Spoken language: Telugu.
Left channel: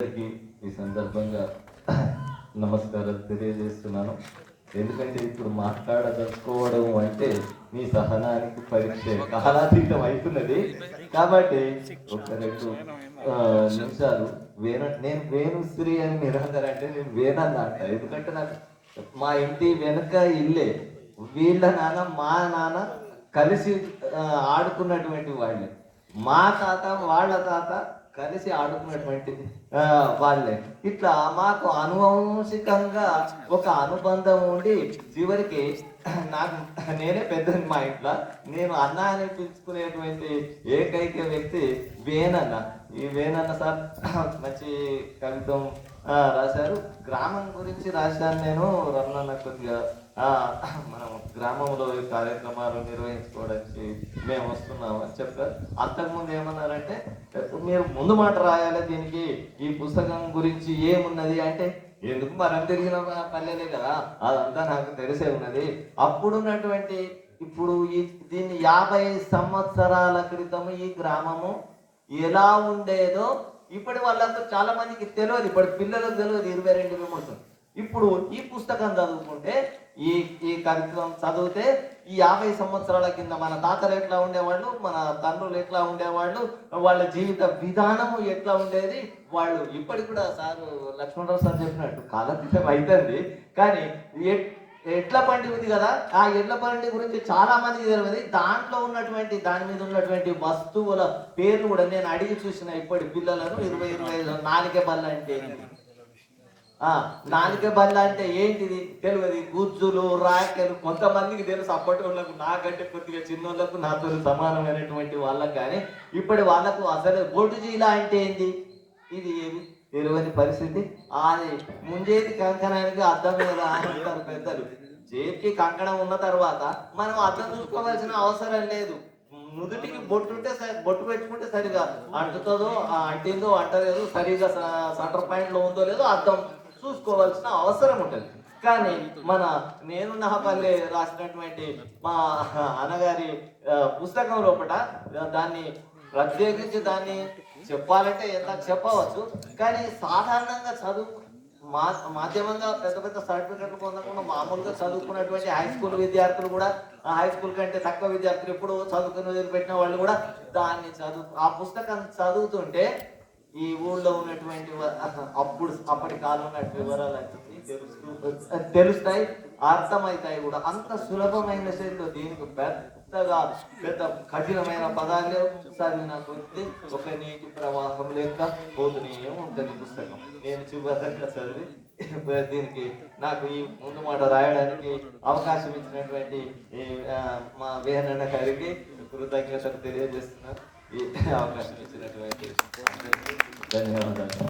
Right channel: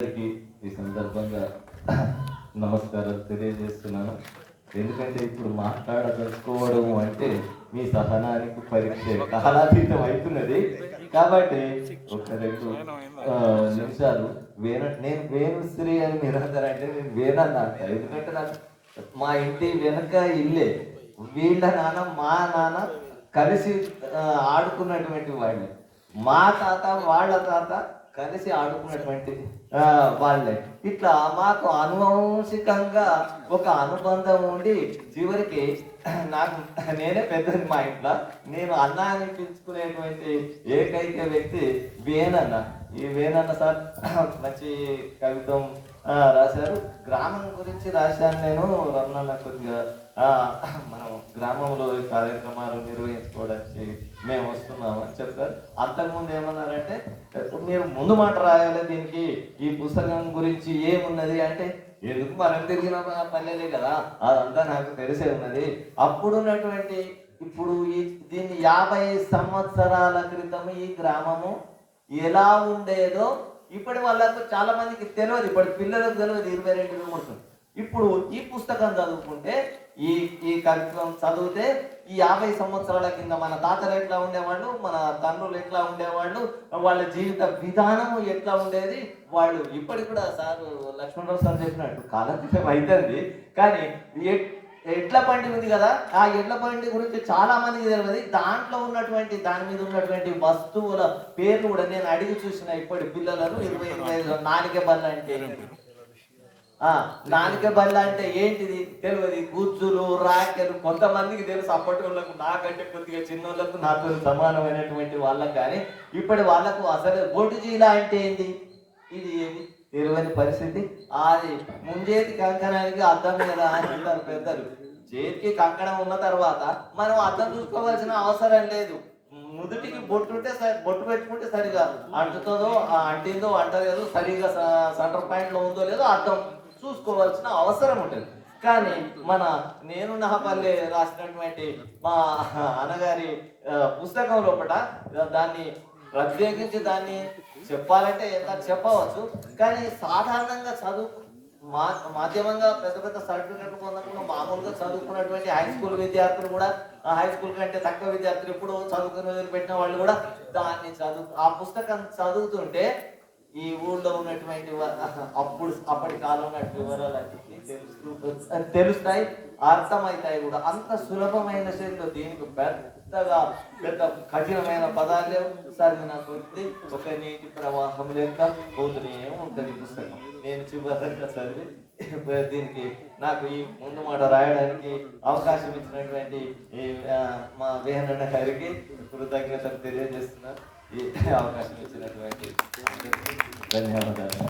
ఈ సందర్భంగా నమస్కారాలు తెలియజేస్తున్నాను. ఎందుకంటే ఇప్పుడు మాట్లాడదలుచుకోవడం అంటే మీ సహనానికి పరీక్ష కాలాతీతం అవుతున్నది. కాబట్టి ఒక 2 నిమిషాలు నేను వేణుశ్రీ అని మీరందరూ అంటే నేను వేణన్న అంట. ఎందుకంటే నాకు మా ఇంటి వెనుక ఇల్లే. వీళ్ళ నాన్న మా నాన్న కలిసి ఆడుకున్నటువంటి వాళ్ళు. మా తాత వాళ్ళ తాత కలిసి ఆడుకున్నటువంటి వాళ్ళే. ఇట్లా మాకు అనువంశికంగా ఒక అనుబంధం ఉండి చివరికి నాకు నేనే పెద్దని మా ఇంట్లో. నేను అన్న అని పిలుచుకునేటువంటి ఏకైక వ్యక్తి వేణన్న. ఈ వేణన్న సార్ మంచి కవిత్వం రాశారు. గ్రామం గురించి రాశాను నేను. రమణ కొద్దిగా మనం గ్రామంలో కార్యక్రమాలు నిర్వహించుకోవడానికి మేము వస్తున్నాము అని చెప్పారు. అంతకుముందు ఏమన్నారంటే మీరు ముందు మాట రాయాలి దీనికి, ఈ పుస్తకం గురించి ఏమున్నది అంటే, ఎందుకు మనం తిరిగిన పల్లెలే కదా, అదంతా నాకు తెలిసే ఉన్నది. అప్పుడున్నటువంటి ఇప్పుడు దీన్ని 50 సంవత్సరాల క్రితం ఈ గ్రామము ఎలా ఉండేదో ఇప్పటి వాళ్ళకు చాలా మందికి తెలియదు. ఇప్పటి పిల్లలకు తెలియదు 22 ఇప్పుడు ఈ పుస్తకం చదువుకుంటే ఈ కవిత్వం చదివితే ఈ 50 సంవత్సరాల కింద మన తాతలు ఎట్లా ఉండేవాళ్ళు, మన తండ్రులు ఎట్లా ఉండేవాళ్ళు, వాళ్ళ జీవిత విధానం ఎట్లా ఉండేది, వాళ్ళు ఇప్పటికి కూడా సార్ లక్ష్మణరావు సార్ చెప్పినట్టు కాలకృతం అవుతుంది. కానీ ఎడ్ల బండి ఉంది కదా, ఆ ఎడ్ల బండి గురించి చాలా మందికి తెలియదు. దాంట్లో ఉన్నటువంటి దాని మీద ఉన్నటువంటి వస్తువుల పేర్లు కూడా నేను అడిగి చూసిన ఇప్పటి పిల్లలను 20-25 నాలిక బల్ల అంటే ఏంటి, నాలిక బల్ల అంటే ఏంటిది తెలియదు. గుజ్జులు రాకెలు కొంతమందికి తెలుసు, అప్పటి వాళ్ళకు నాకంటే కొద్దిగా చిన్నోళ్ళకు నాతో సమానమైనటువంటి వాళ్ళకు. కానీ ఇప్పటి వాళ్ళకు అసలు బొడ్డుజీలా అంటే ఏంటి ఇది తెలియని పరిస్థితి. అది ముంజేతి కంకణానికి అద్దం మీద అంటారు పెద్దలు. చేతికి కంకణం ఉన్న తర్వాత మనం అద్దం చూసుకోవాల్సిన అవసరం లేదు. నుదుటికి బొట్టు ఉంటే బొట్టు పెట్టుకుంటే సరిగా అంటుతుందో అంటిందో అంటలేదో, సరిగా సెంటర్ పాయింట్లో ఉందో లేదో అద్దం చూసుకోవాల్సిన అవసరం ఉంటుంది. కానీ మన నేను నహపల్లె రాసినటువంటి మా అన్నగారి పుస్తకం లోపల దాన్ని ప్రత్యేకించి దాన్ని చెప్పాలంటే ఎంత చెప్పవచ్చు. కానీ సాధారణంగా మాధ్యమంగా పెద్ద పెద్ద సర్టిఫికెట్లు పొందకుండా మామూలుగా చదువుకున్నటువంటి హై స్కూల్ విద్యార్థులు కూడా, హై స్కూల్ కంటే తక్కువ విద్యార్థులు ఎప్పుడు చదువుకుని వదిలిపెట్టిన వాళ్ళు కూడా దాన్ని ఆ పుస్తకం చదువుతుంటే ఈ ఊళ్ళో ఉన్నటువంటి అప్పటి కాలంలో వివరాలన్నీ తెలుస్తాయి, అర్థమవుతాయి కూడా. అంత సులభమైన శైలిలో దీనికి పెద్ద కఠినమైన పదాలు లేవు. చదివిన కొద్ది ఒక నీటి ప్రవాహం లెక్క పోతూనే ఉంటుంది పుస్తకం. నేను చివరిగా చదివి దీనికి నాకు ఈ ముందు మాట రాయడానికి అవకాశం ఇచ్చినటువంటి మా వేహనన్న గారికి కృతజ్ఞతలు తెలియజేస్తున్నాను. ఈ అవకాశం ఇచ్చినటువంటి ధన్యవాదాలు.